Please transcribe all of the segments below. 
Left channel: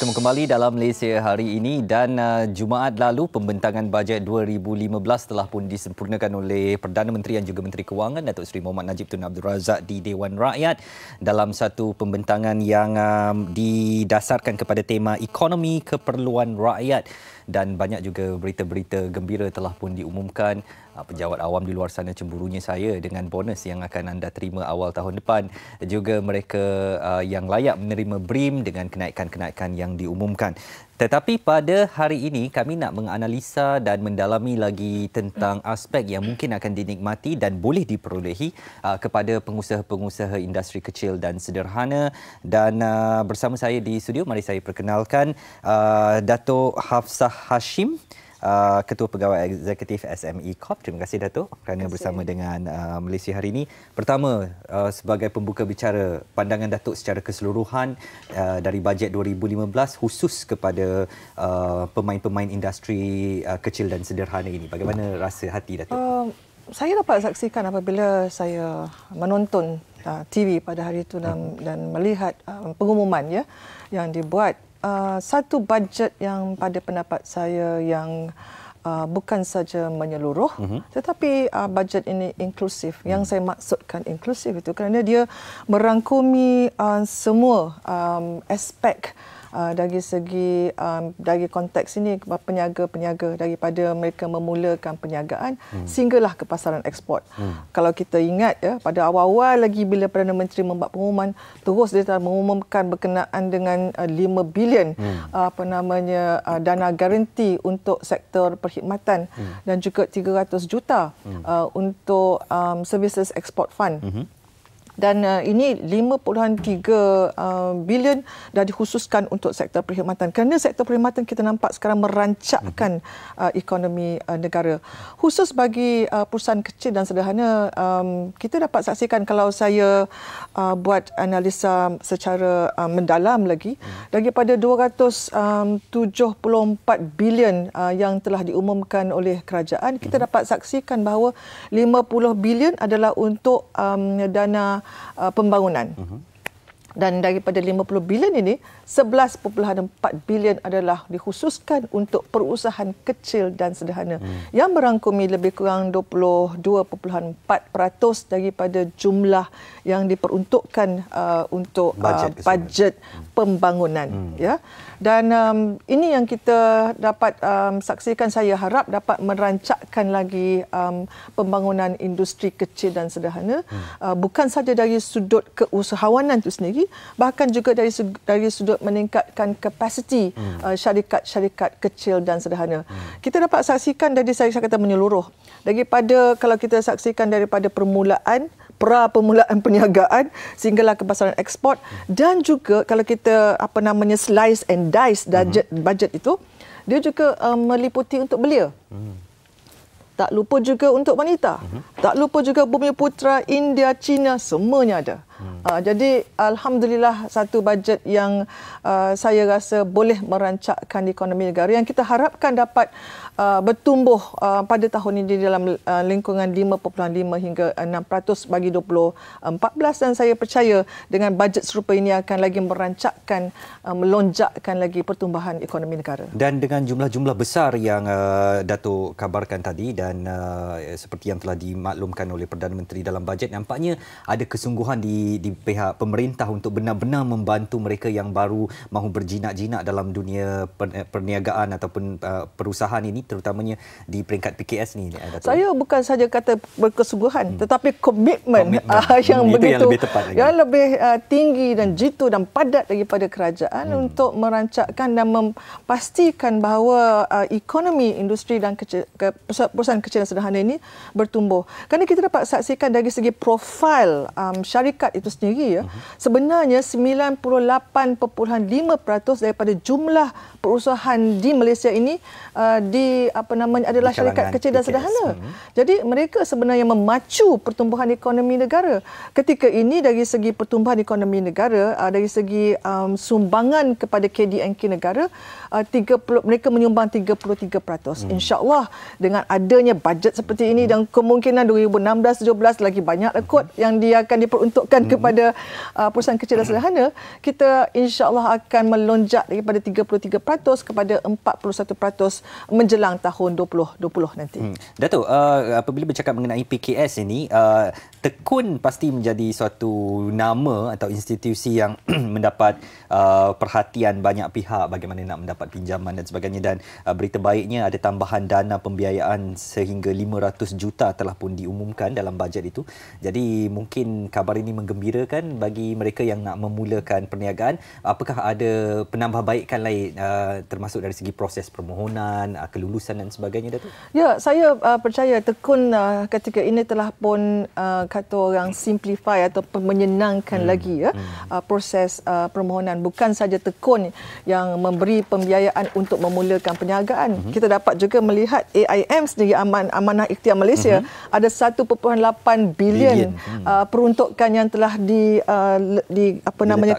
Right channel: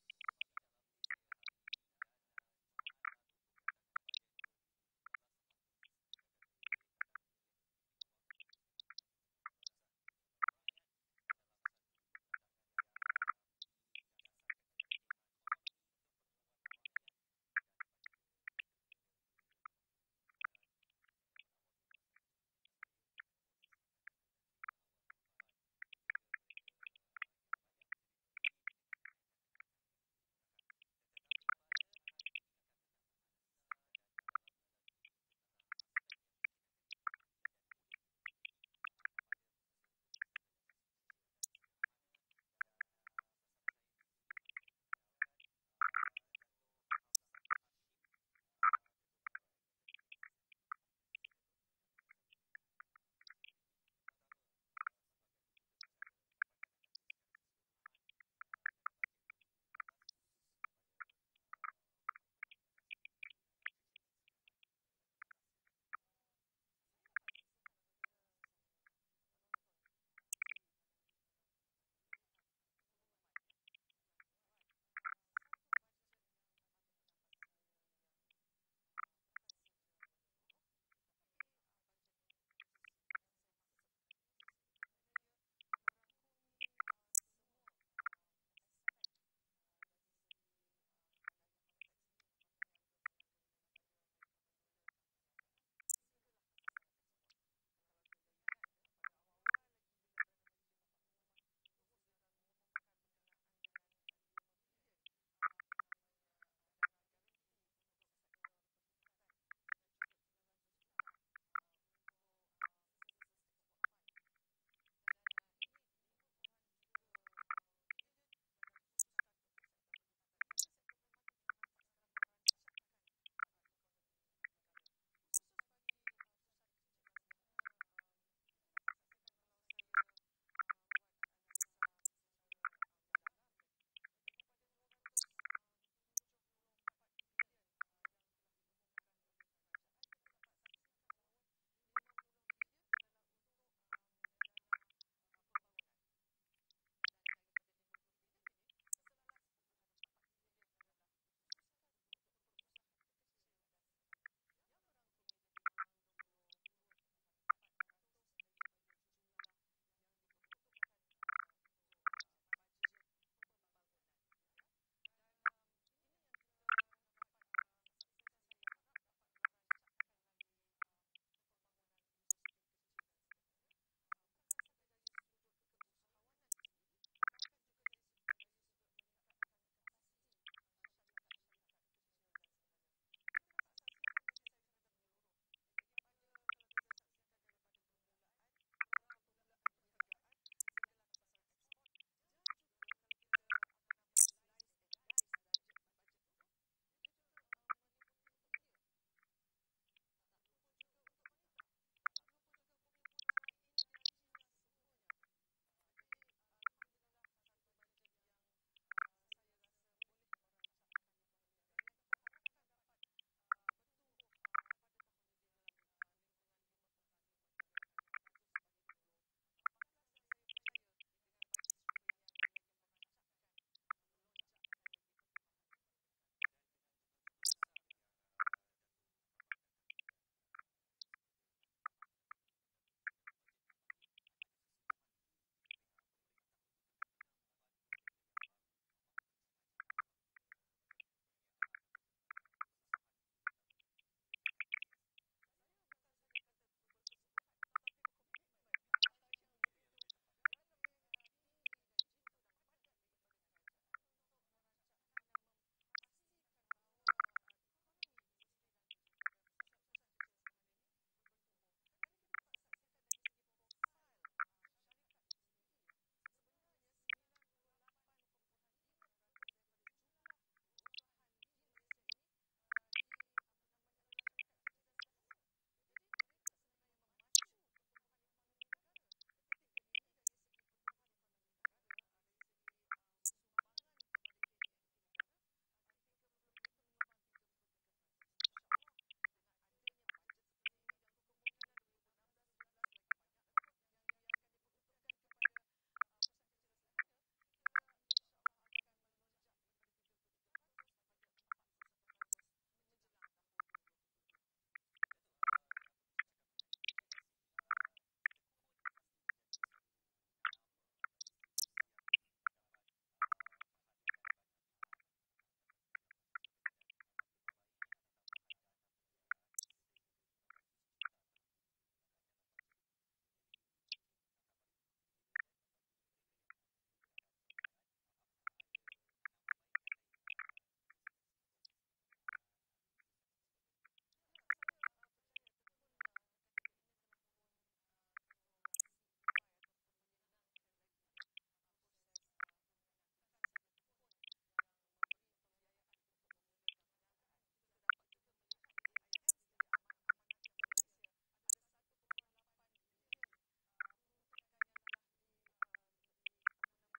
Bertemu kembali dalam Malaysia hari ini dan Jumaat lalu pembentangan bajet 2015 telah pun disempurnakan oleh Perdana Menteri dan juga Menteri Kewangan Datuk Seri Mohamad Najib Tun Abdul Razak di Dewan Rakyat dalam satu pembentangan yang didasarkan kepada tema ekonomi keperluan rakyat, dan banyak juga berita-berita gembira telah pun diumumkan. Pejabat awam di luar sana cemburunya saya dengan bonus yang akan anda terima awal tahun depan. Juga mereka yang layak menerima BRIM dengan kenaikan-kenaikan yang diumumkan. Tetapi pada hari ini kami nak menganalisa dan mendalami lagi tentang aspek yang mungkin akan dinikmati dan boleh diperolehi kepada pengusaha-pengusaha industri kecil dan sederhana. Dan bersama saya di studio, mari saya perkenalkan Datuk Hafsah Hashim, Ketua Pegawai Eksekutif SME Corp. Terima kasih Datuk kerana bersama dengan Malaysia hari ini. Pertama, sebagai pembuka bicara, pandangan Datuk secara keseluruhan dari bajet 2015 khusus kepada pemain-pemain industri kecil dan sederhana ini. Bagaimana rasa hati Datuk? Saya dapat saksikan apabila saya menonton TV pada hari itu dan melihat pengumuman yang dibuat. Satu bajet yang pada pendapat saya yang bukan saja menyeluruh, tetapi bajet ini inklusif. Yang saya maksudkan inklusif itu kerana dia merangkumi semua aspek dari segi dari konteks ini, peniaga-peniaga, daripada mereka memulakan perniagaan sehinggalah ke pasaran ekspor. Kalau kita ingat pada awal-awal lagi bila Perdana Menteri membuat pengumuman, terus dia telah mengumumkan berkenaan dengan 5 bilion dana garanti untuk sektor perkhidmatan dan juga 300 juta untuk services export fund. Dan ini 5.3 bilion dah dikhususkan untuk sektor perkhidmatan. Kerana sektor perkhidmatan kita nampak sekarang merancakkan ekonomi negara. Khusus bagi perusahaan kecil dan sederhana, kita dapat saksikan kalau saya buat analisa secara mendalam lagi, daripada 274 bilion yang telah diumumkan oleh kerajaan, kita dapat saksikan bahawa 50 bilion adalah untuk dana pembangunan. Dan daripada 50 bilion ini, 11.4 bilion adalah dikhususkan untuk perusahaan kecil dan sederhana yang merangkumi lebih kurang 22.4% daripada jumlah yang diperuntukkan untuk bajet pembangunan. Dan ini yang kita dapat saksikan. Saya harap dapat merancakkan lagi pembangunan industri kecil dan sederhana, bukan saja dari sudut keusahawanan itu sendiri, bahkan juga dari sudut meningkatkan kapasiti syarikat-syarikat kecil dan sederhana. Kita dapat saksikan dari saya kata menyeluruh, daripada kalau kita saksikan daripada permulaan perniagaan sehinggalah ke pasaran ekspor, dan juga kalau kita slice and dice bajet itu, dia juga meliputi untuk belia. Tak lupa juga untuk wanita. Tak lupa juga Bumi Putra, India, China, semuanya ada. Jadi alhamdulillah satu bajet yang saya rasa boleh merancakkan ekonomi negara yang kita harapkan dapat bertumbuh pada tahun ini dalam lingkungan 5.5 hingga 6% bagi 2014, dan saya percaya dengan bajet serupa ini akan lagi merancakkan, melonjakkan lagi pertumbuhan ekonomi negara. Dan dengan jumlah-jumlah besar yang Datuk kabarkan tadi dan seperti yang telah dimaklumkan oleh Perdana Menteri dalam bajet, nampaknya ada kesungguhan di pihak pemerintah untuk benar-benar membantu mereka yang baru mahu berjinak-jinak dalam dunia perniagaan ataupun perusahaan ini, terutamanya di peringkat PKS ni. Saya bukan saja kata berkesungguhan, tetapi komitmen yang begitu, yang lebih tinggi dan jitu dan padat daripada kerajaan untuk merancakkan dan memastikan bahawa ekonomi industri dan perusahaan kecil dan sederhana ini bertumbuh. Kerana kita dapat saksikan dari segi profil syarikat itu sendiri, sebenarnya 98.5% daripada jumlah perusahaan di Malaysia ini adalah syarikat kecil dan sederhana. Jadi mereka sebenarnya memacu pertumbuhan ekonomi negara. Ketika ini dari segi pertumbuhan ekonomi negara, dari segi sumbangan kepada KDNK negara, mereka menyumbang 33%. InsyaAllah dengan adanya bajet seperti ini dan kemungkinan 2016-17 lagi banyak kot yang dia akan diperuntukkan kepada perusahaan kecil dan sederhana, kita insya-Allah akan melonjak daripada 33% kepada 41% menjelang tahun 2020 nanti. Datuk, apabila bercakap mengenai PKS ini, Tekun pasti menjadi suatu nama atau institusi yang mendapat perhatian banyak pihak bagaimana nak mendapat pinjaman dan sebagainya, dan berita baiknya ada tambahan dana pembiayaan sehingga 500 juta telah pun diumumkan dalam bajet itu. Jadi mungkin kabar ini menggembirakan bagi mereka yang nak memulakan perniagaan. Apakah ada penambahbaikan lain termasuk dari segi proses permohonan, kelulusan dan sebagainya, Datuk? Ya, saya percaya Tekun ketika ini telah pun kata orang simplify atau menyenangkan lagi proses permohonan. Bukan saja Tekun yang memberi pembiayaan untuk memulakan perniagaan. Kita dapat juga melihat AIM sendiri, Amanah Ikhtiar Malaysia, ada 1.8 bilion peruntukan yang telah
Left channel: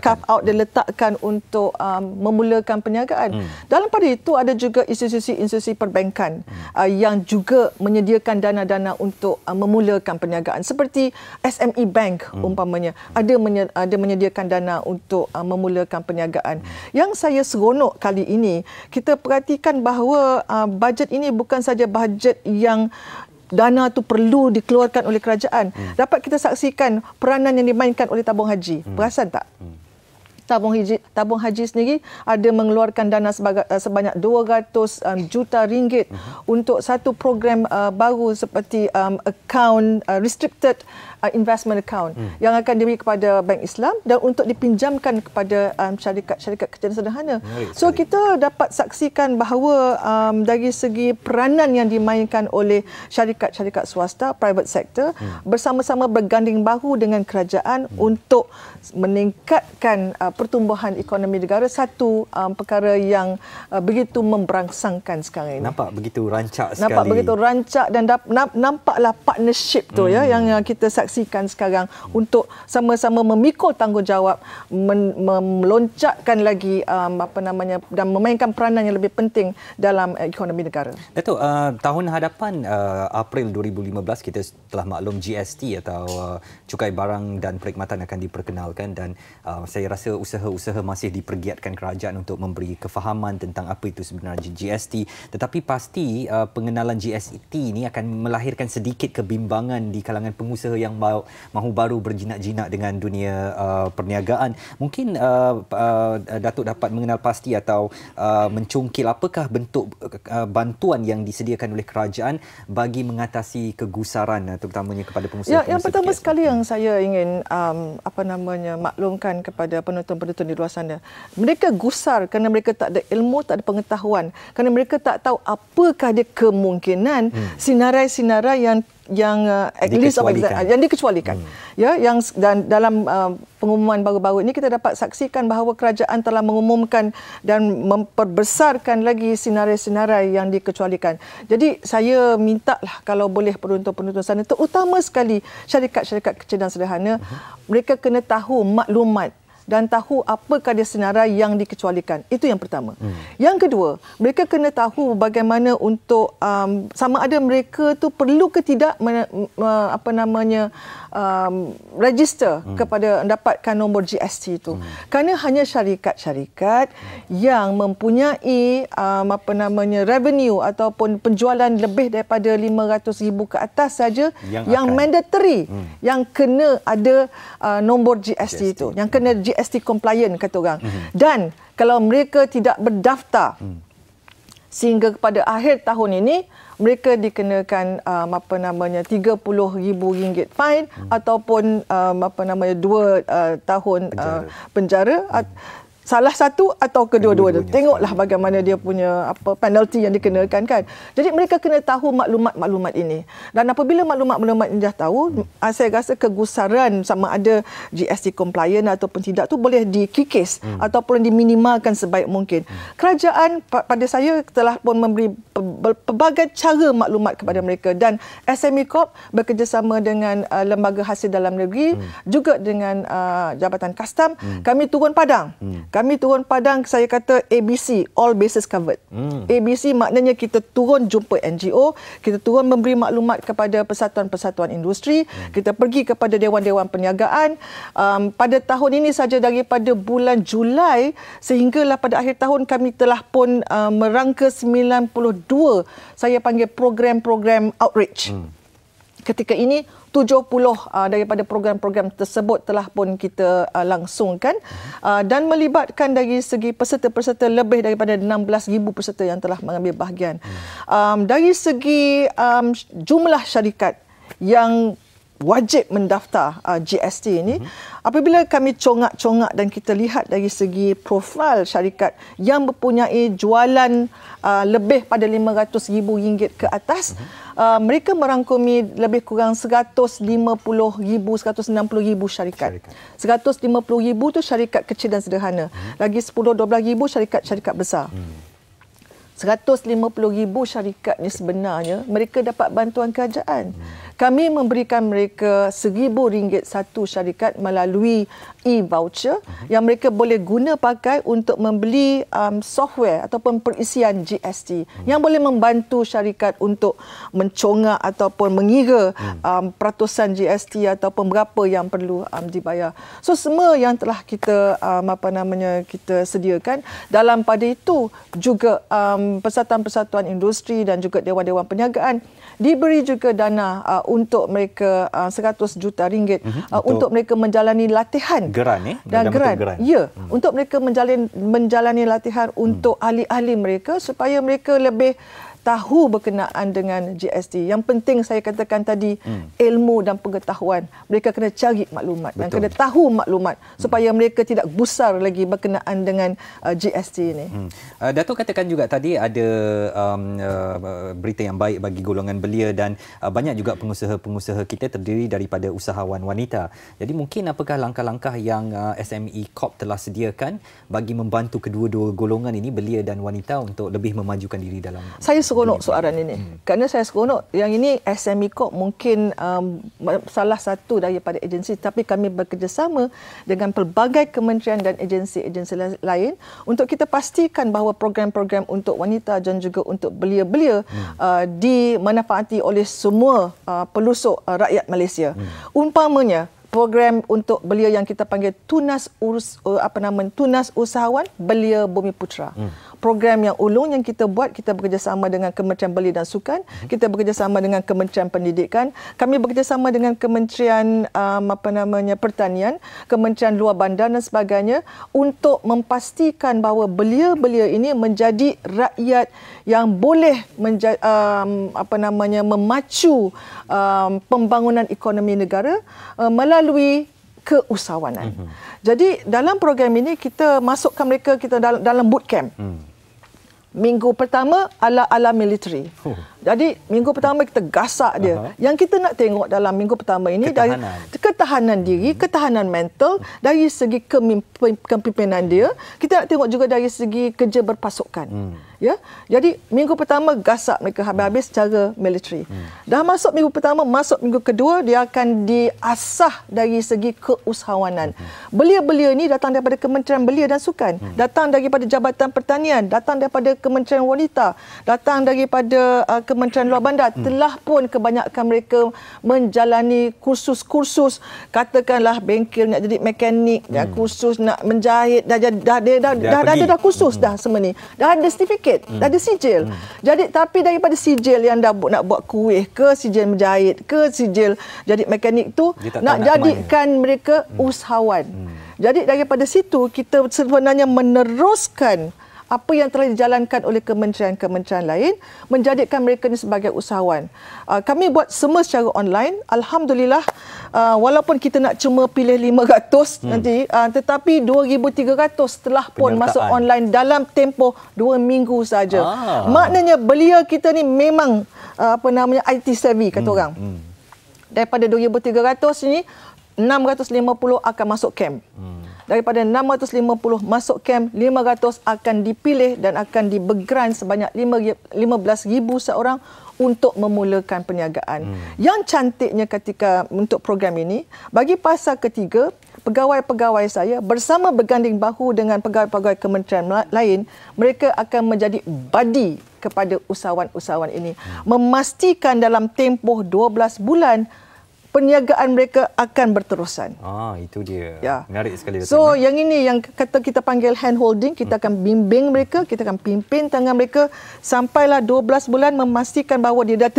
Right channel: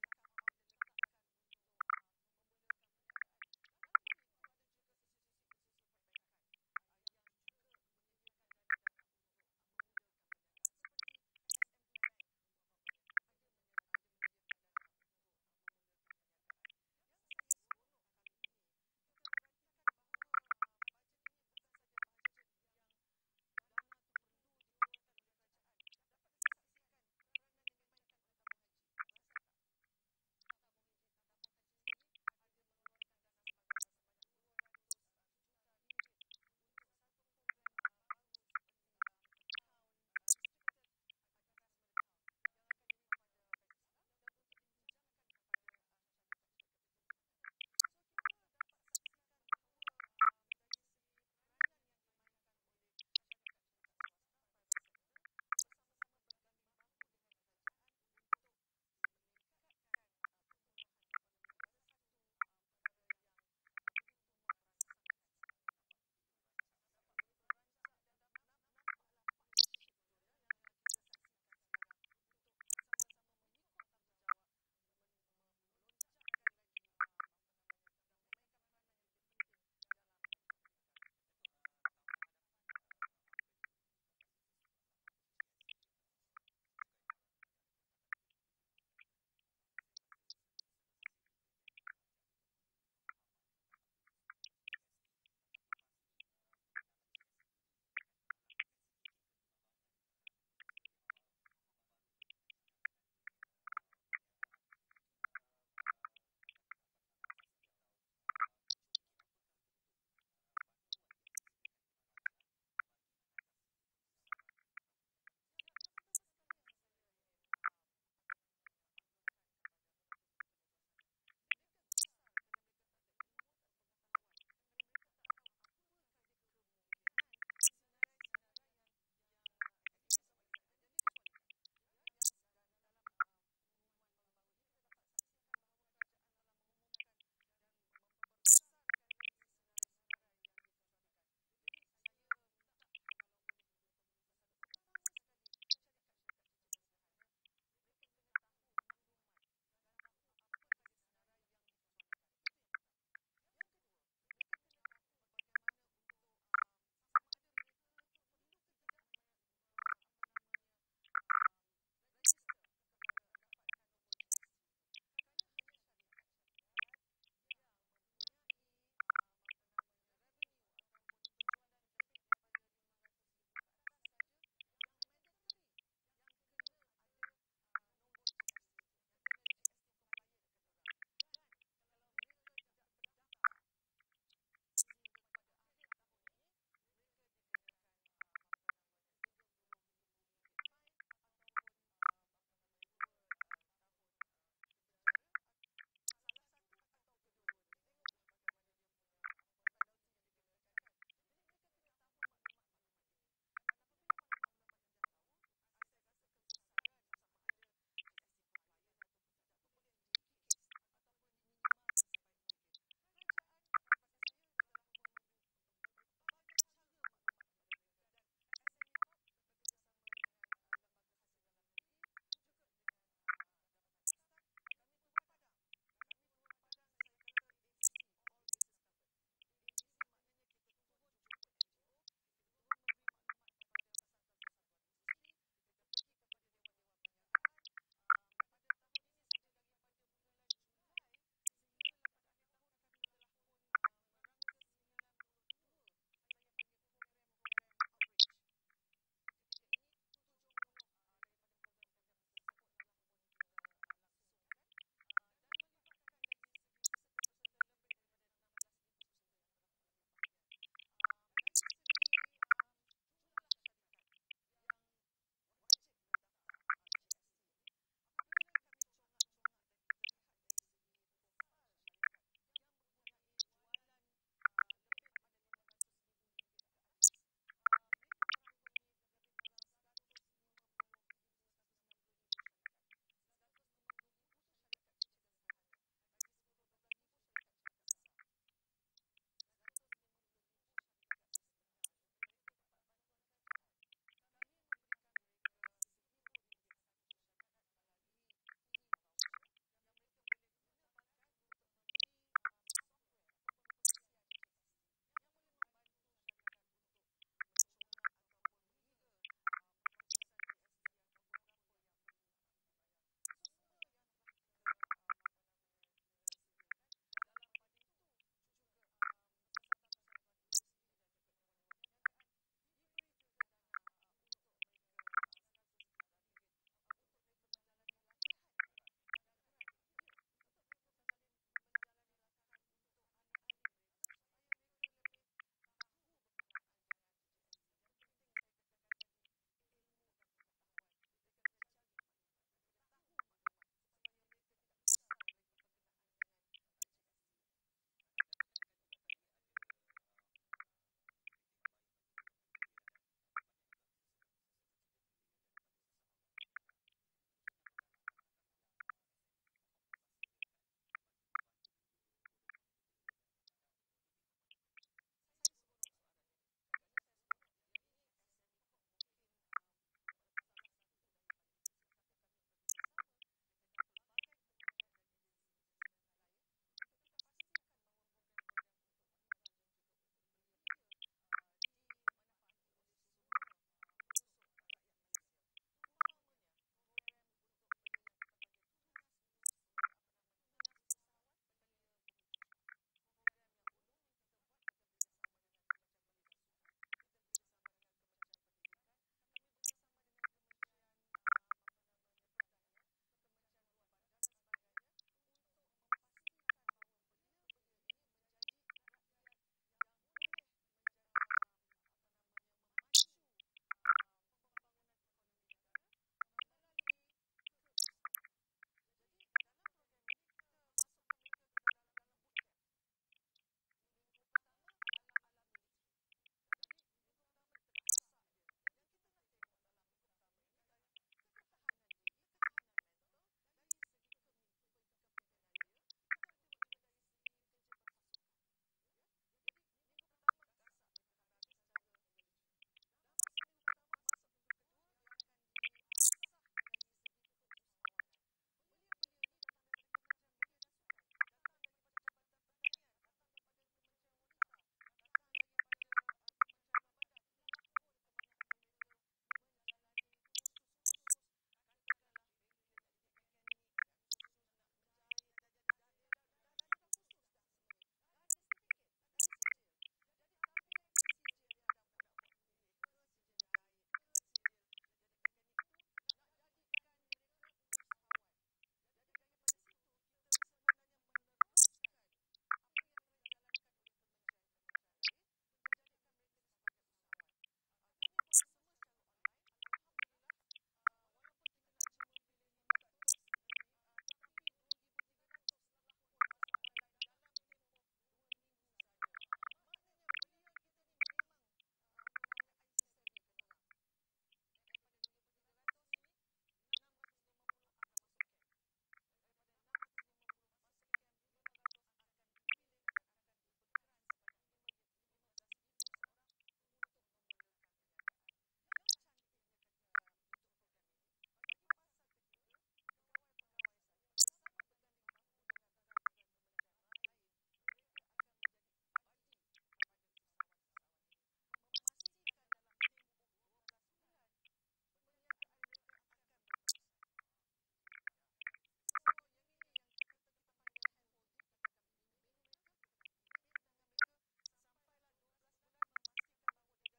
carve out diletakkan untuk memulakan perniagaan. Dalam pada itu ada juga institusi-institusi perbankan yang juga menyediakan dana-dana untuk memulakan perniagaan, seperti SME Bank umpamanya ada menyediakan dana untuk memulakan perniagaan. Yang saya seronok kali ini, kita perhatikan bahawa bajet ini bukan saja bajet yang dana itu perlu dikeluarkan oleh kerajaan. Dapat kita saksikan peranan yang dimainkan oleh tabung haji. Perasan tak? Tabung haji sendiri ada mengeluarkan dana sebanyak 200 juta ringgit untuk satu program baru seperti account restricted investment account yang akan diberi kepada Bank Islam dan untuk dipinjamkan kepada syarikat kecil dan sederhana. So kita dapat saksikan bahawa dari segi peranan yang dimainkan oleh syarikat-syarikat swasta, private sector, bersama-sama berganding bahu dengan kerajaan untuk meningkatkan pertumbuhan ekonomi negara, satu perkara yang begitu memberangsangkan sekarang ini. Nampak begitu rancak sekali. Nampak begitu rancak dan nampaklah partnership tu yang kita saksikan sekarang untuk sama-sama memikul tanggungjawab meloncatkan lagi dan memainkan peranan yang lebih penting dalam ekonomi negara. Datuk, tahun hadapan April 2015 kita telah maklum GST atau cukai barang dan perkhidmatan akan diperkenalkan, dan saya rasa usaha-usaha masih dipergiatkan kerajaan untuk memberi kefahaman tentang apa itu sebenarnya GST. Tetapi pasti pengenalan GST ini akan melahirkan sedikit kebimbangan di kalangan pengusaha yang mahu baru berjinak-jinak dengan dunia perniagaan. Mungkin Datuk dapat mengenal pasti atau mencungkil apakah bentuk bantuan yang disediakan oleh kerajaan bagi mengatasi kegusaran terutamanya kepada pengusaha-pengusaha. Yang pertama sekali yang saya ingin maklumkan kepada penonton-penonton di luar sana, mereka gusar kerana mereka tak ada ilmu, tak ada pengetahuan, kerana mereka tak tahu apakah dia kemungkinan sinarai-sinarai yang at least yang dikecualikan. Dan dalam pengumuman baru-baru ini kita dapat saksikan bahawa kerajaan telah mengumumkan dan memperbesarkan lagi sinarai-sinarai yang dikecualikan. Jadi saya mintalah kalau boleh penonton-penonton sana, terutama sekali syarikat-syarikat kecil dan sederhana, mereka kena tahu maklumat dan tahu apakah dia senarai yang dikecualikan. Itu yang pertama. Yang kedua, mereka kena tahu bagaimana untuk sama ada mereka tu perlu ke tidak register kepada mendapatkan nombor GST itu. Kerana hanya syarikat-syarikat yang mempunyai revenue ataupun penjualan lebih daripada 500,000 ke atas saja yang mandatory, yang kena ada nombor GST itu, yang kena GST compliant kata orang. Dan kalau mereka tidak berdaftar sehingga kepada akhir tahun ini, mereka dikenakan RM30,000 fine ataupun 2 tahun penjara. salah satu atau kedua-dua. Tengoklah bagaimana dia punya penalti yang dikenakan kan. Jadi mereka kena tahu maklumat-maklumat ini. Dan apabila maklumat-maklumat ini dah tahu, saya rasa kegusaran sama ada GST compliant ataupun tidak tu boleh dikikis ataupun diminimalkan sebaik mungkin. Kerajaan pada saya telah pun memberi pelbagai cara maklumat kepada mereka dan SME Corp bekerjasama dengan Lembaga Hasil Dalam Negeri juga dengan Jabatan Kastam, kami turun padang. Kami turun padang, saya kata ABC, all bases covered. ABC maknanya kita turun jumpa NGO, kita turun memberi maklumat kepada persatuan-persatuan industri, kita pergi kepada dewan-dewan perniagaan. Pada tahun ini saja daripada bulan Julai sehinggalah pada akhir tahun kami telah pun merangka 92, saya panggil program-program outreach. Ketika ini 70 daripada program-program tersebut telah pun kita langsungkan dan melibatkan dari segi peserta-peserta lebih daripada 16,000 peserta yang telah mengambil bahagian. Dari segi jumlah syarikat yang wajib mendaftar GST ini, apabila kami congak-congak dan kita lihat dari segi profil syarikat yang mempunyai jualan lebih pada RM500,000 ke atas, mereka merangkumi lebih kurang 150,000, 160,000 syarikat. 150,000 itu syarikat kecil dan sederhana. Lagi 10-12,000 syarikat-syarikat besar. 150,000 syarikat ni sebenarnya mereka dapat bantuan kerajaan. Kami memberikan mereka RM1,000 satu syarikat melalui e-voucher yang mereka boleh guna pakai untuk membeli software ataupun perisian GST yang boleh membantu syarikat untuk mencongak ataupun mengira peratusan GST ataupun berapa yang perlu dibayar. So semua yang telah kita kita sediakan, dalam pada itu juga persatuan-persatuan industri dan juga dewan-dewan perniagaan diberi juga dana untuk mereka RM100 juta untuk mereka menjalani latihan. Geran dan geran. Ya, untuk mereka menjalani latihan untuk ahli-ahli mereka supaya mereka lebih tahu berkenaan dengan GST. Yang penting saya katakan tadi, ilmu dan pengetahuan. Mereka kena cari maklumat dan kena tahu maklumat supaya mereka tidak gusar lagi berkenaan dengan GST ini. Datuk katakan juga tadi ada berita yang baik bagi golongan belia dan banyak juga pengusaha-pengusaha kita terdiri daripada usahawan wanita. Jadi mungkin apakah langkah-langkah yang SME Corp telah sediakan bagi membantu kedua-dua golongan ini, belia dan wanita, untuk lebih memajukan diri dalam... Saya seronok soalan ini. Kerana saya seronok, yang ini SME Corp mungkin salah satu daripada agensi, tapi kami bekerjasama dengan pelbagai kementerian dan agensi-agensi lain untuk kita pastikan bahawa program-program untuk wanita dan juga untuk belia-belia dimanfaati oleh semua pelusuk rakyat Malaysia. Umpamanya, program untuk belia yang kita panggil Tunas Usahawan Belia Bumiputera. Program yang ulung yang kita buat, kita bekerjasama dengan Kementerian Belia dan Sukan, kita bekerjasama dengan Kementerian Pendidikan, kami bekerjasama dengan Kementerian Pertanian, Kementerian Luar Bandar dan sebagainya untuk memastikan bahawa belia-belia ini menjadi rakyat yang boleh memacu pembangunan ekonomi negara melalui keusahawanan. Jadi dalam program ini kita masukkan mereka dalam bootcamp. Minggu pertama ala military. Jadi minggu pertama kita gasak dia. Yang kita nak tengok dalam minggu pertama ini dari ketahanan diri, ketahanan mental, dari segi kepimpinan dia. Kita nak tengok juga dari segi kerja berpasukan. Ya. Jadi minggu pertama gasak mereka habis-habis secara military. Dah masuk minggu pertama, masuk minggu kedua, dia akan diasah dari segi keusahawanan. Belia-belia ni datang daripada Kementerian Belia dan Sukan, datang daripada Jabatan Pertanian, datang daripada Kementerian Wanita, datang daripada Kementerian Luar Bandar. Telah pun kebanyakan mereka menjalani kursus-kursus, katakanlah bengkel nak jadi mekanik, kursus nak menjahit, dah ada kursus dah semua ni. Dah ada sertifikat, dah ada sijil. Jadi tapi daripada sijil yang dah nak buat kuih ke, sijil menjahit ke, sijil jadi mekanik tu, nak jadikan mereka usahawan. Jadi daripada situ kita sebenarnya meneruskan apa yang telah dijalankan oleh kementerian-kementerian lain, menjadikan mereka ini sebagai usahawan. Kami buat semua secara online. Alhamdulillah, walaupun kita nak cuma pilih 500 nanti, tetapi 2,300 telah pun masuk online dalam tempoh 2 minggu saja. Maknanya belia kita ni memang IT savvy kata orang. Daripada 2,300 ini, 650 akan masuk camp. Daripada 650 masuk camp, 500 akan dipilih dan akan dibergrant sebanyak 15,000 seorang untuk memulakan perniagaan. Yang cantiknya ketika untuk program ini, bagi fasa ketiga, pegawai-pegawai saya bersama berganding bahu dengan pegawai-pegawai kementerian lain, mereka akan menjadi buddy kepada usahawan-usahawan ini. Memastikan dalam tempoh 12 bulan, perniagaan mereka akan berterusan. Itu dia. Ya. Menarik sekali. So, yang ini yang kata kita panggil hand holding, kita akan bimbing mereka, kita akan pimpin tangan mereka sampailah 12 bulan memastikan bahawa dia dah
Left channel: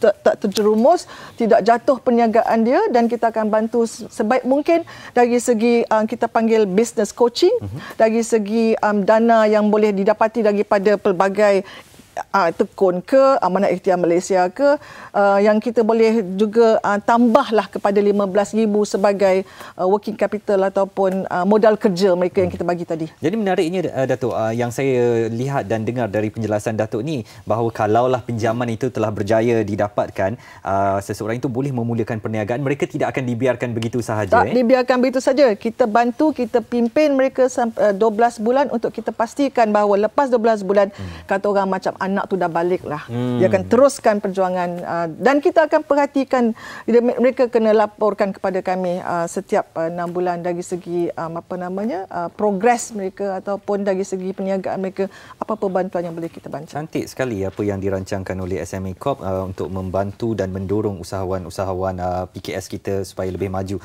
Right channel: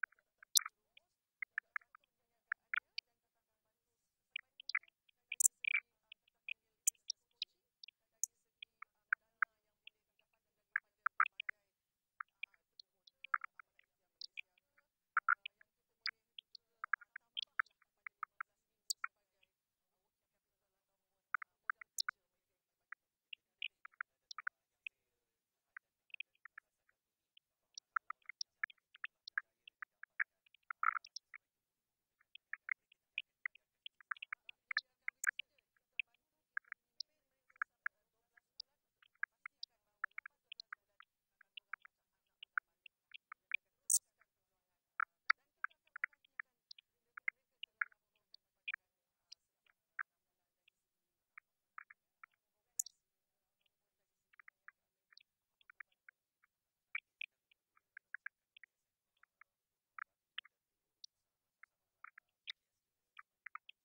tak terjerumus, tidak jatuh perniagaan dia, dan kita akan bantu sebaik mungkin dari segi kita panggil business coaching, dari segi dana yang boleh didapati daripada pelbagai tekun ke Amanah Ikhtiar Malaysia ke, yang kita boleh juga tambahlah kepada 15,000 sebagai working capital ataupun modal kerja mereka yang kita bagi tadi. Jadi menariknya Datuk, yang saya lihat dan dengar dari penjelasan Datuk ni, bahawa kalaulah pinjaman itu telah berjaya didapatkan, seseorang itu boleh memulakan perniagaan, mereka tidak akan dibiarkan begitu sahaja. Tak dibiarkan begitu saja. Kita bantu, kita pimpin mereka sampai 12 bulan untuk kita pastikan bahawa lepas 12 bulan kata orang macam anak tu dah balik lah. Dia akan teruskan perjuangan dan kita akan perhatikan, mereka kena laporkan kepada kami setiap 6 bulan dari segi progres mereka ataupun dari segi perniagaan mereka, apa-apa bantuan yang boleh kita bantu. Cantik sekali apa yang dirancangkan oleh SME Corp untuk membantu dan mendorong usahawan-usahawan PKS kita supaya lebih maju.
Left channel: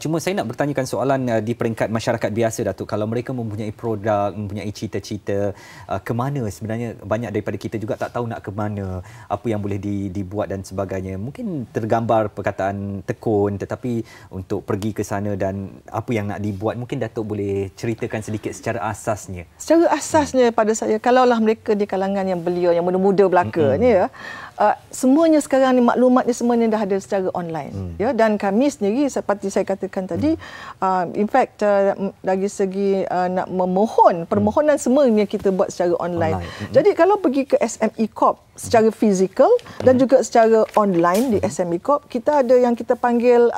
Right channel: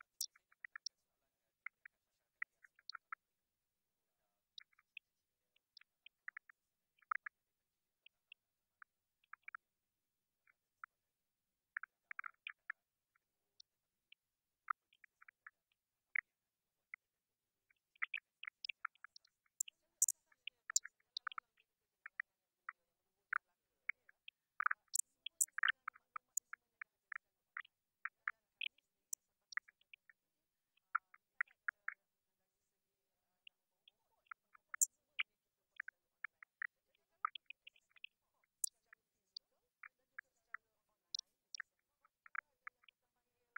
Cuma saya nak bertanyakan soalan di peringkat masyarakat biasa, Datuk. Kalau mereka mempunyai produk, mempunyai cita-cita, ke mana sebenarnya, banyak daripada kita juga tak tahu nak ke mana, apa yang boleh dibuat dan sebagainya. Mungkin tergambar perkataan tekun, tetapi untuk pergi ke sana dan apa yang nak dibuat, mungkin Datuk boleh ceritakan sedikit secara asasnya. Secara asasnya pada saya, kalaulah mereka di kalangan yang belia, yang muda-muda belaka ni ya, semuanya sekarang ni maklumatnya semuanya dah ada secara online. Ya, dan kami sendiri seperti saya katakan tadi, in fact dari segi nak memohon, permohonan semuanya kita buat secara online. Jadi kalau pergi ke SME Corp secara fizikal dan juga secara online di SME Corp, kita ada yang kita panggil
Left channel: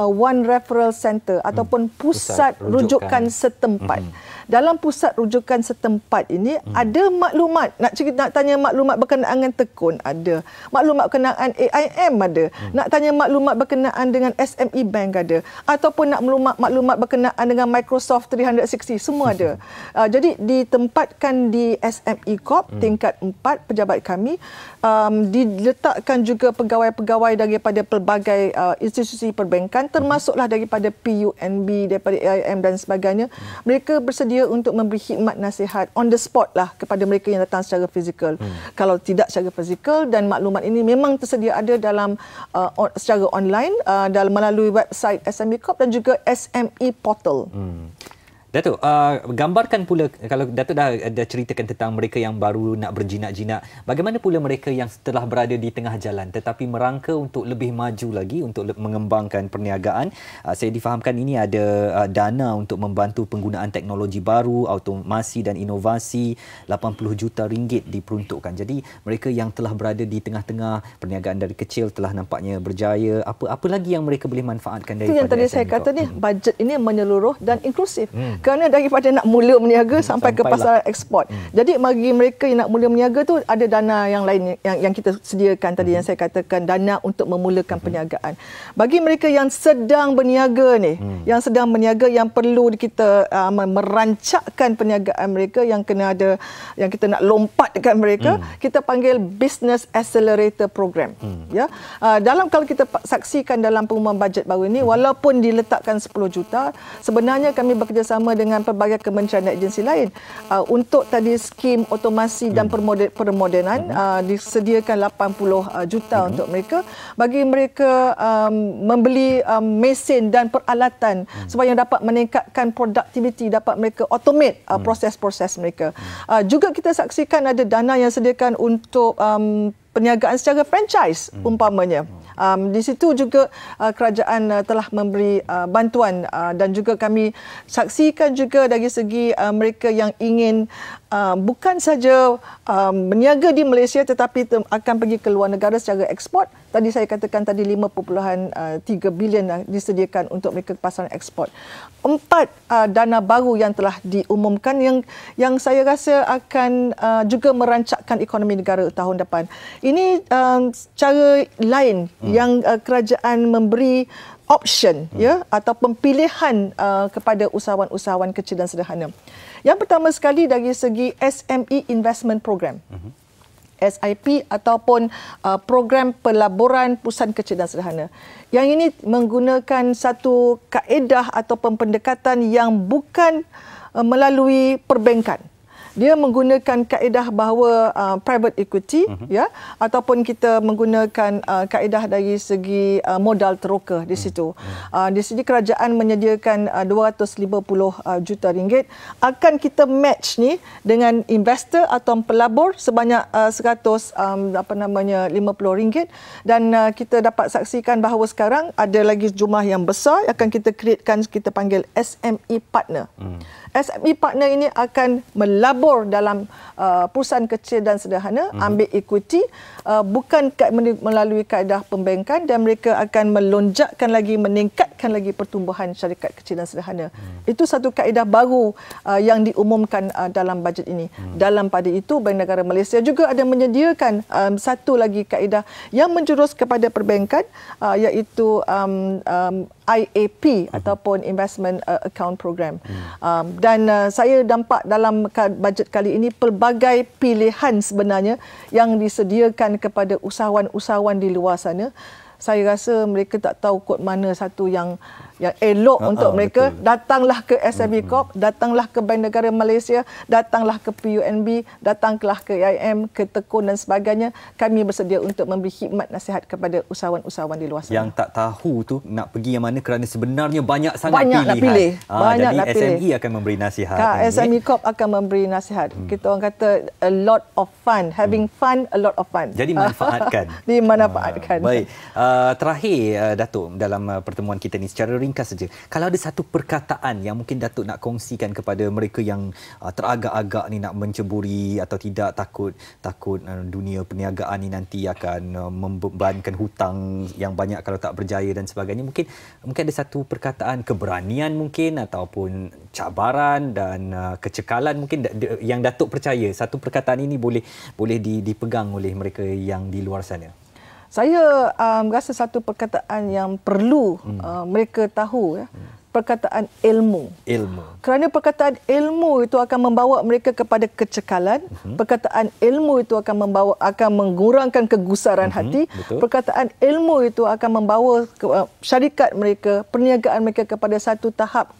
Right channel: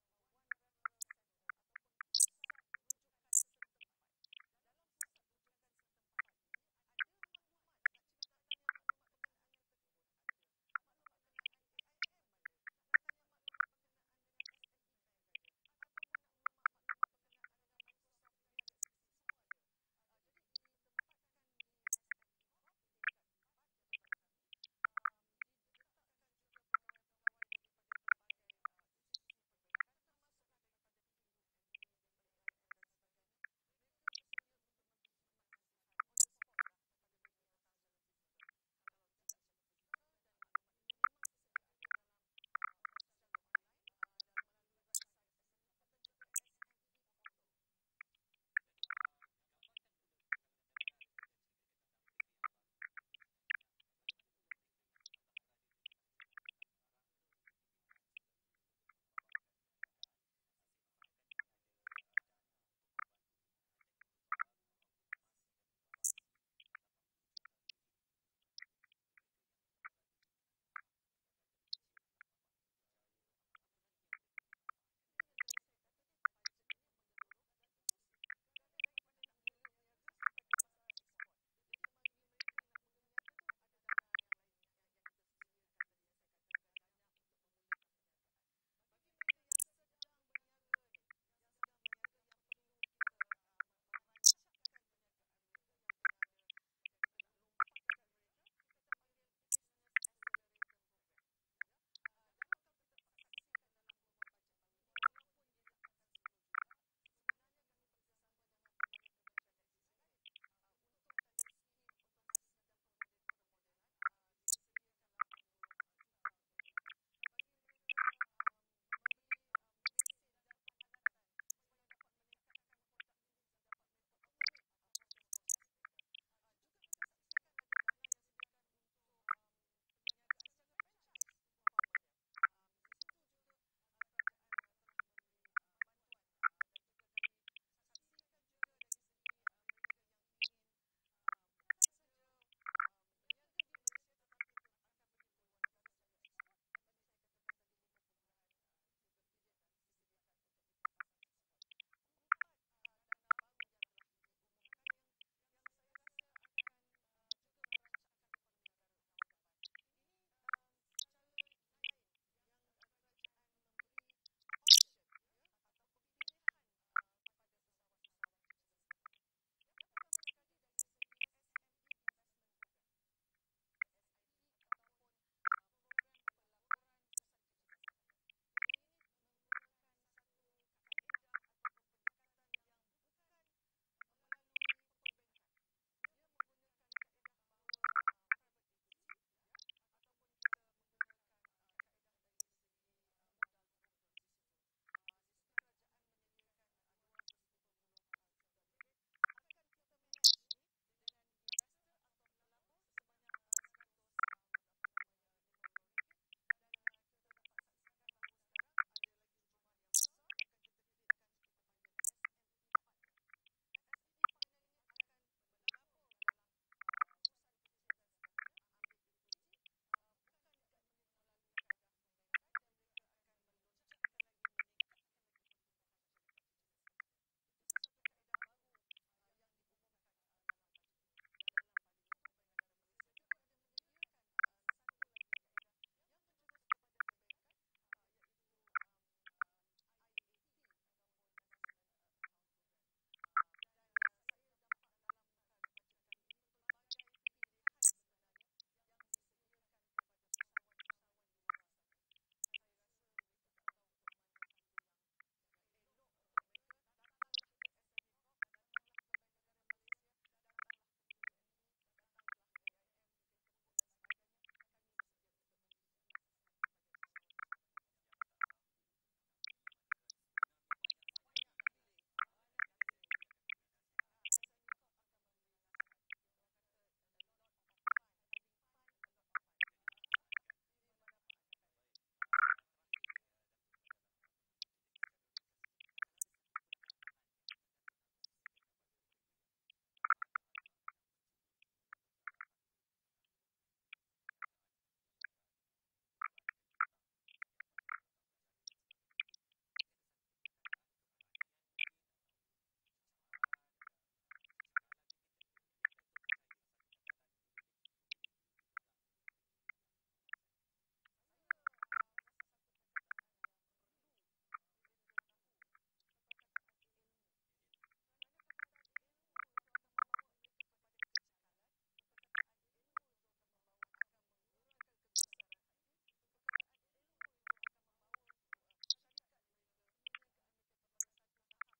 One Referral Center ataupun pusat rujukan setempat. Dalam pusat rujukan setempat ini ada maklumat, nak tanya maklumat berkenaan dengan tekun ada, maklumat berkenaan AIM ada, nak tanya maklumat berkenaan dengan SME Bank ada, ataupun nak maklumat berkenaan dengan Microsoft 360, semua ada. Jadi ditempatkan di SME Corp tingkat 4 pejabat kami, diletakkan juga pegawai-pegawai daripada pelbagai institusi perbankan, termasuklah daripada PUNB, daripada AIM dan sebagainya. Mereka bersedia untuk memberi khidmat nasihat on the spot lah kepada mereka yang datang secara fizikal. Kalau tidak secara fizikal, dan maklumat ini memang tersedia ada dalam secara online dalam melalui website SME Corp dan juga SME Portal. Datuk, gambarkan pula, kalau Datuk dah ceritakan tentang mereka yang baru nak berjinak-jinak, bagaimana pula mereka yang telah berada di tengah jalan tetapi merangka untuk lebih maju lagi untuk mengembangkan perniagaan? Saya difahamkan ini ada dana untuk membantu penggunaan teknologi baru, automasi dan inovasi, 80 juta ringgit diperuntukkan. Jadi mereka yang telah berada di tengah-tengah perniagaan dari kecil telah nampaknya berjaya, apa lagi yang mereka boleh manfaatkan daripada itu yang tadi saya kata ni, bajet ini menyeluruh dan inklusif. Kerana daripada nak mula berniaga sampai ke pasaran ekspor. Jadi bagi mereka yang nak mula berniaga tu ada dana yang lain yang kita sediakan tadi, yang saya katakan dana untuk memulakan perniagaan. Bagi mereka yang sedang berniaga ni, yang sedang berniaga, yang perlu kita merancakkan perniagaan mereka, yang kena ada, yang kita nak lompatkan mereka, kita panggil Business Accelerator Program. Ya. Kalau kita saksikan dalam pengumuman bajet baru ini, walaupun diletakkan 10 juta, sebenarnya kami bekerjasama bersama dengan pelbagai kementerian dan agensi lain untuk tadi skim otomasi dan permodenan disediakan 80 juta untuk mereka bagi mereka membeli mesin dan peralatan supaya dapat meningkatkan produktiviti, dapat mereka automate proses-proses mereka. Juga kita saksikan ada dana yang disediakan untuk perniagaan secara franchise umpamanya. Di situ juga kerajaan telah memberi bantuan dan juga kami saksikan juga dari segi mereka yang ingin bukan saja berniaga di Malaysia tetapi akan pergi ke luar negara secara ekspor. Tadi saya katakan tadi 5.3 bilion disediakan untuk mereka pasaran ekspor. 4 dana baru yang telah diumumkan yang saya rasa akan juga merancakkan ekonomi negara tahun depan. Ini cara lain yang kerajaan memberi option ataupun pilihan kepada usahawan-usahawan kecil dan sederhana. Yang pertama sekali dari segi SME Investment Program. SIP ataupun program pelaburan perusahaan kecil dan sederhana. Yang ini menggunakan satu kaedah ataupun pendekatan yang bukan melalui perbankan. Dia menggunakan kaedah bahawa private equity ataupun kita menggunakan kaedah dari segi modal teroka di situ. Di sini kerajaan menyediakan 250 juta ringgit, akan kita match ni dengan investor atau pelabur sebanyak 150 ringgit, dan kita dapat saksikan bahawa sekarang ada lagi jumlah yang besar akan kita createkan, kita panggil SME partner. SME partner ini akan melabur dalam perusahaan kecil dan sederhana, ambil equity, bukan melalui kaedah pembankan, dan mereka akan melonjakkan lagi, meningkatkan lagi pertumbuhan syarikat kecil dan sederhana. Itu satu kaedah baru yang diumumkan dalam bajet ini. Dalam pada itu, Bank Negara Malaysia juga ada menyediakan satu lagi kaedah yang menjurus kepada perbankan, iaitu IAP ataupun Investment Account Program. Dan saya nampak dalam bajet kali ini pelbagai pilihan sebenarnya yang disediakan kepada usahawan-usahawan di luar sana. Saya rasa mereka tak tahu kod mana satu yang elok untuk mereka. Betul. Datanglah ke SME Corp, datanglah ke Bank Negara Malaysia, datanglah ke PUNB, datanglah ke AIM, ke Tekun dan sebagainya. Kami bersedia untuk memberi khidmat nasihat kepada usahawan-usahawan di luar sana. Yang tak tahu tu nak pergi yang mana kerana sebenarnya banyak sangat pilihan. Nak pilih. Banyak jadi nak pilih. SME akan memberi nasihat. SME Corp akan memberi nasihat. Kita orang kata a lot of fun. Having fun, a lot of fun. Jadi manfaatkan. Dimanfaatkan. Baik. Terakhir, Datuk, dalam pertemuan kita ni secara ringkas saja. Kalau ada satu perkataan yang mungkin Datuk nak kongsikan kepada mereka yang teragak-agak ni nak menceburi atau tidak, takut dunia perniagaan ni nanti akan membebankan hutang yang banyak kalau tak berjaya dan sebagainya. Mungkin ada satu perkataan keberanian mungkin ataupun cabaran dan kecekalan mungkin yang Datuk percaya satu perkataan ini boleh dipegang oleh mereka yang di luar sana. Saya rasa satu perkataan yang perlu mereka tahu, perkataan ilmu. Kerana perkataan ilmu itu akan membawa mereka kepada kecekalan. Perkataan ilmu itu akan mengurangkan kegusaran hati. Betul. Perkataan ilmu itu akan membawa syarikat mereka, perniagaan mereka kepada satu tahap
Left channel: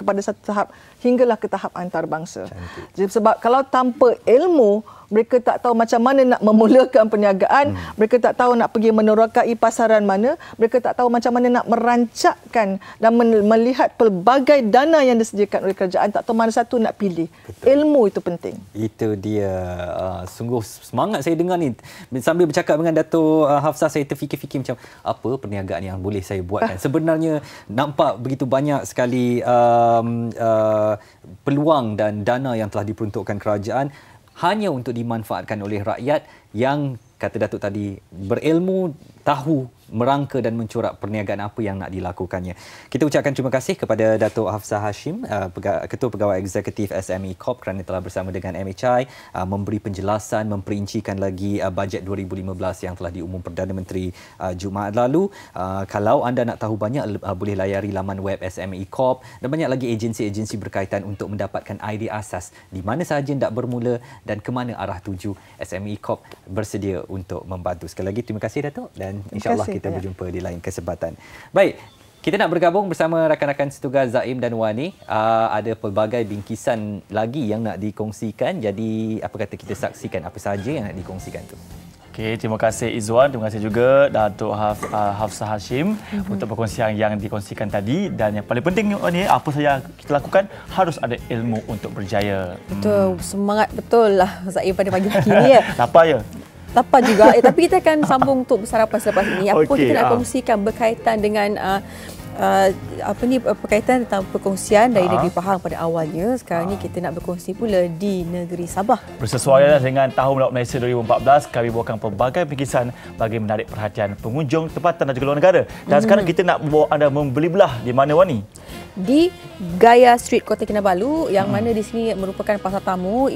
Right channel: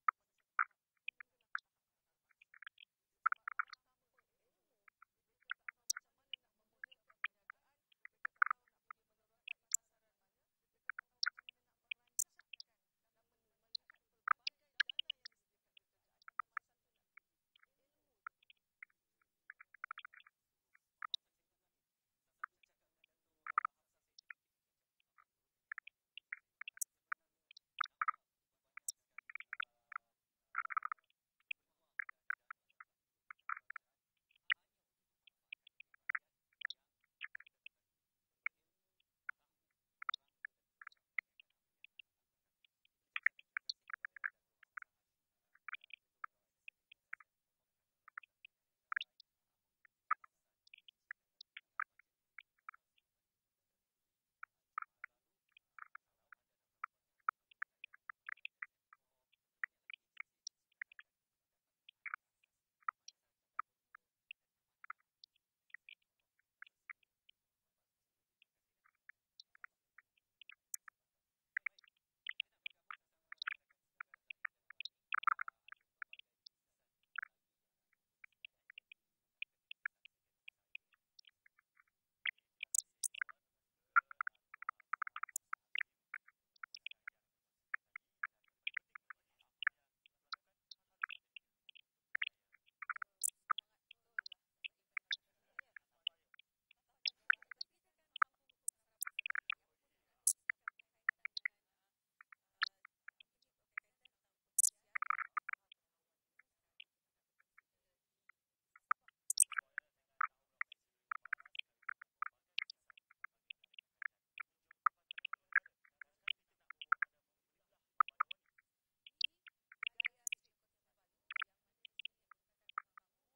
hinggalah ke tahap antarabangsa. Jadi, sebab kalau tanpa ilmu, mereka tak tahu macam mana nak memulakan perniagaan, mereka tak tahu nak pergi menerokai pasaran mana, mereka tak tahu macam mana nak merancakkan dan melihat pelbagai dana yang disediakan oleh kerajaan, tak tahu mana satu nak pilih. Betul. Ilmu itu penting. Itu dia. Sungguh semangat saya dengar ni. Sambil bercakap dengan Dato' Hafsah, saya terfikir-fikir macam apa perniagaan yang boleh saya buatkan. Sebenarnya nampak begitu banyak sekali peluang dan dana yang telah diperuntukkan kerajaan hanya untuk dimanfaatkan oleh rakyat yang, kata Datuk tadi, berilmu, tahu merangka dan mencorak perniagaan apa yang nak dilakukannya. Kita ucapkan terima kasih kepada Datuk Hafsah Hashim, Ketua Pegawai Eksekutif SME Corp, kerana telah bersama dengan MHI memberi penjelasan, memperincikan lagi bajet 2015 yang telah diumum Perdana Menteri Jumaat lalu. Kalau anda nak tahu banyak, boleh layari laman web SME Corp, dan banyak lagi agensi-agensi berkaitan untuk mendapatkan idea asas di mana sahaja hendak bermula dan ke mana arah tuju. SME Corp bersedia untuk membantu. Sekali lagi terima kasih Datuk, dan insya-Allah kita berjumpa di lain kesempatan. Baik, Kita nak bergabung bersama rakan-rakan setugas Zaim dan Wani. Ada pelbagai bingkisan lagi yang nak dikongsikan. Jadi apa kata kita saksikan apa sahaja yang nak dikongsikan tu. Okey, terima kasih Izwan, terima kasih juga Datuk Hafsah Hashim untuk perkongsian yang dikongsikan tadi. Dan yang paling penting ni, apa saja kita lakukan harus ada ilmu untuk berjaya. Betul, semangat betul lah Zaim pada pagi hari ni ya. Lapar ya? Lapar juga. Tapi kita akan sambung untuk bersarapan selepas ini. Apa Okey, kita nak kongsikan berkaitan dengan berkaitan tentang perkongsian dari negeri Pahang pada awalnya. Sekarang ni kita nak berkongsi pula di negeri Sabah. Bersesuaian dengan Tahun Laut Malaysia 2014, kami bawakan pelbagai bingkisan bagi menarik perhatian pengunjung tempatan dan juga luar negara. Dan sekarang kita nak bawa anda membeli belah di mana, Wani? Di Gaya Street, Kota Kinabalu, yang mana di sini merupakan pasar tamu.